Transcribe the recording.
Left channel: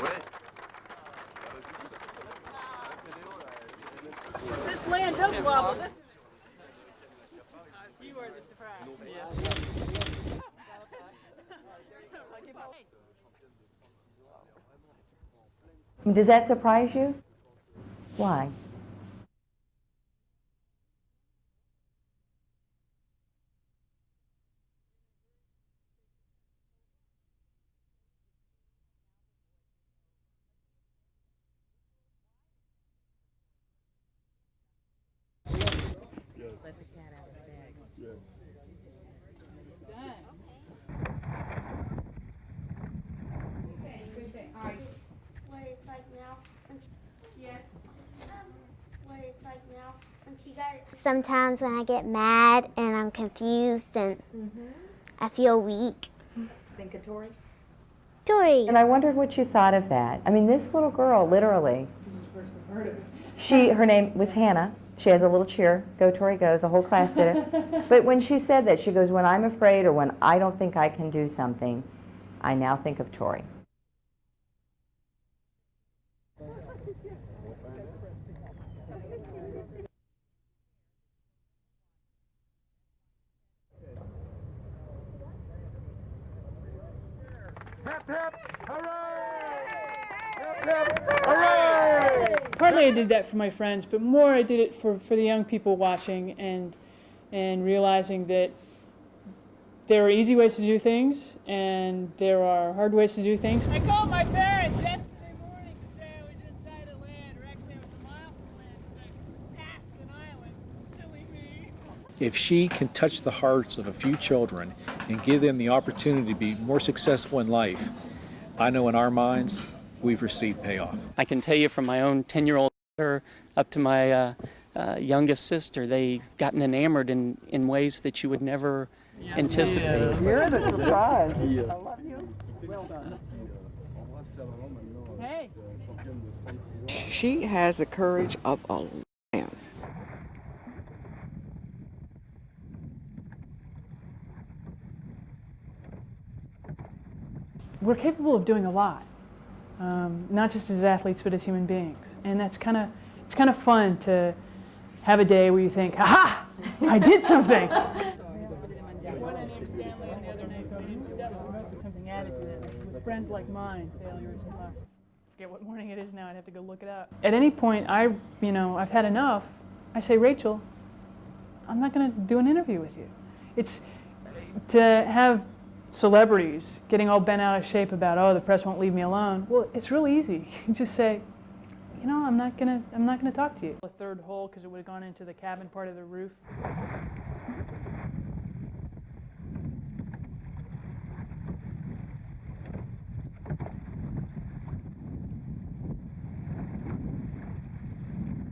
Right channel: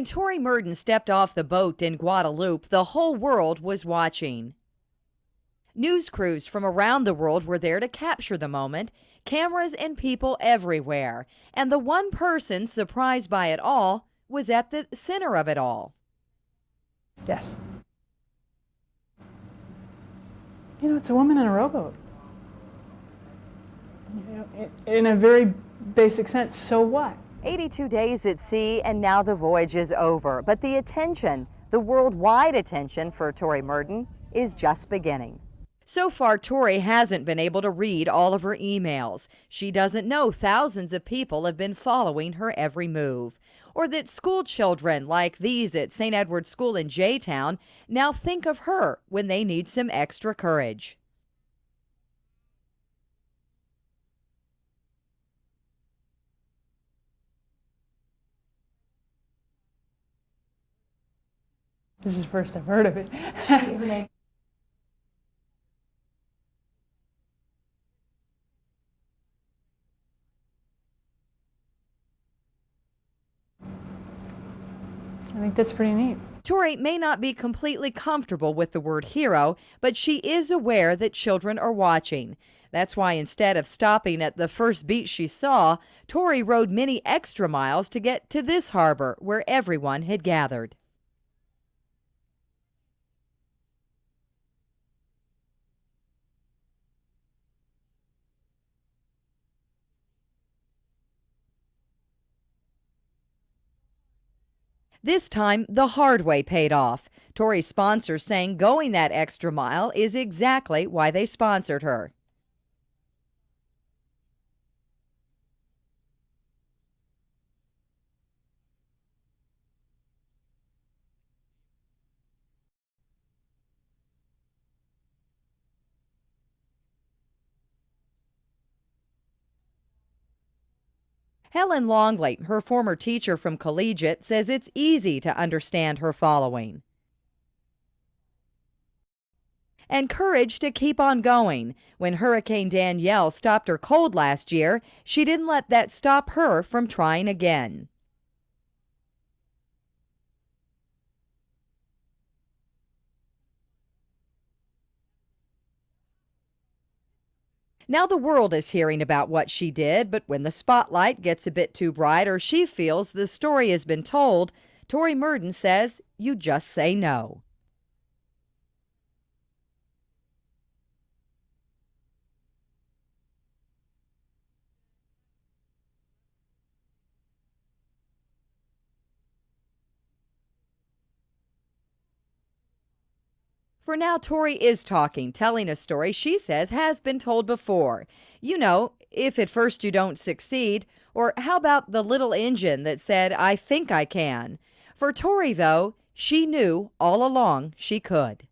When Tori Murden stepped off the boat in Guadeloupe, the whole world was watching. This land does wobble. News crews from around the world were there to capture the moment, cameras and people everywhere. And the one person surprised by it all was at the center of it all. Does that surprise you? Yes. Why? You know, it's a woman in a rowboat. You know, in a very basic sense, so what? 82 days at sea, and now the voyage is over. But the attention, the worldwide attention for Tori Murden, is just beginning. So far, Tori hasn't been able to read all of her emails. She doesn't know thousands of people have been following her every move. Or that school children like these at St. Edward's School in J-Town now think of her when they need some extra courage. Sometimes when I get mad and I'm confused and I feel weak. Think of Tori? Tori. And I wondered what you thought of that. I mean, this little girl, literally. This is the first I've heard of it. Her name was Hannah. She has a little cheer, go Tori go, the whole class did it. But when she said that, she goes, when I'm afraid or when I don't think I can do something, I now think of Tori. I think that's pretty neat. Tori may not be completely comfortable with the word hero, but she is aware that children are watching. That's why instead of stopping at the first beach she saw, Tori rode many extra miles to get to this harbor where everyone had gathered. Partly I did that for my friends, but more I did it for the young people watching and realizing that there are easy ways to do things and there are hard ways to do things. I called my parents. This time, the hard way paid off. Tori's sponsors saying going that extra mile is exactly why they sponsored her. If she can touch the hearts of a few children and give them the opportunity to be more successful in life, I know in our minds, we've received payoff. I can tell you from my own 10-year-old daughter up to my youngest sister, they've gotten enamored in ways that you would never anticipate. You're the surprise. Helen Longley, her former teacher from Collegiate, says it's easy to understand her following. She has the courage of a lion. And courage to keep on going. When Hurricane Danielle stopped her cold last year, she didn't let that stop her from trying again. We're capable of doing a lot, not just as athletes, but as human beings. And it's kind of fun to have a day where you think, aha, I did something. Now the world is hearing about what she did, but when the spotlight gets a bit too bright or she feels the story has been told, Tori Murden says you just say no. At any point, I've had enough. I say, Rachel, I'm not going to do an interview with you. It's to have celebrities getting all bent out of shape about, oh, the press won't leave me alone. Well, it's really easy. You just say, you know, I'm not gonna talk to you. For now, Tori is talking, telling a story she says has been told before. You know, if at first you don't succeed, or how about the little engine that said, I think I can? For Tori, though, she knew all along she could.